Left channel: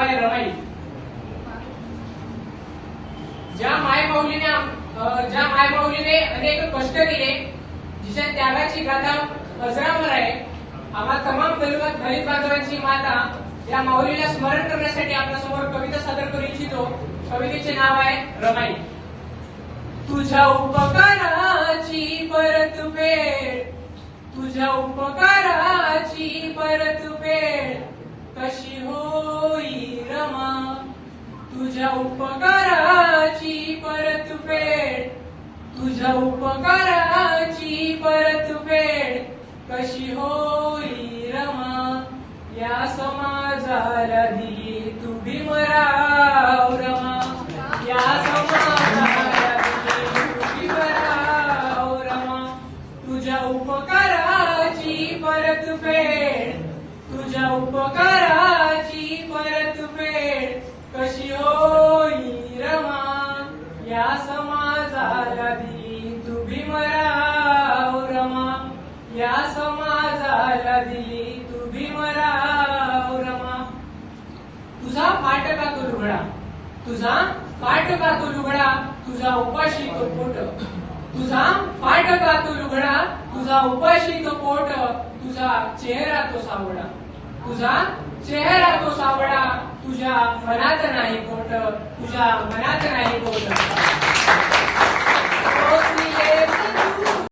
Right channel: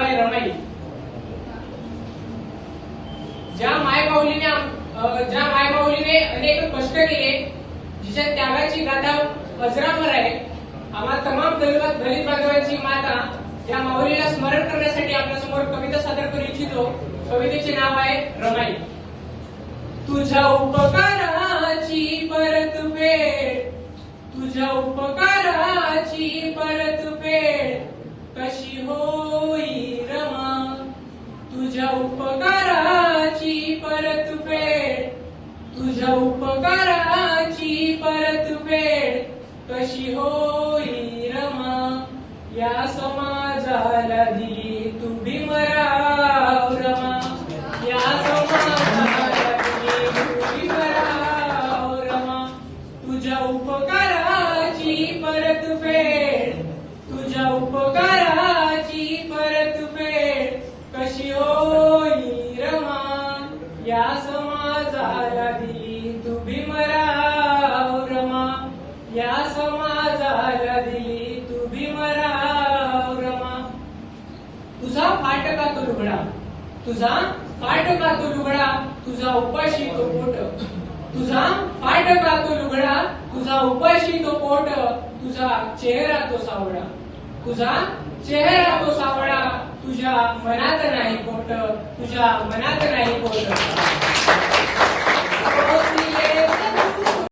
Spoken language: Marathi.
नाव आहे रमाई. ज्या मायमाऊलीने अनेक कष्ट केले, जिच्या त्यागाची गाथा अजरामर आहे. आम्हा तमाम दलित बांधवांची माता या माऊलीला स्मरण करण्यासाठी आपल्या समोर कविता सादर करू इच्छितो. कवितेचे नाव आहे रमाई. तुझ्या उपकाराची परतफेड, तुझ्या उपकाराची परतफेड कशी होई रमा. तुझ्या उपकाराची परतफेड, तुझ्या उपकाराची परतफेड कशी होई रमा. या समाजाला दिली तू भीमराव रमा. या समाजाला दिली तू भीमराव रमा. तुझ्या उपकाराची परतफेड, तुझ्या उपकाराची परतफेड कशी होई रमा. या समाजाला दिली तू भीमराव रमा. या समाजाला दिली तू भीमराव रमा. तुझा फाटका तो लुगडा, तुझा फाटका तो लुगडा, तुझा उपाशी तो पोट. तुझा फाटका तो लुगडा, तुझा उपाशी तो पोट. तुझा चेहरा तो सावळा, तुझा चेहरा तो सावळा. तुझ्या मनात नाही पोट, तुझ्या मनात नाही पोट.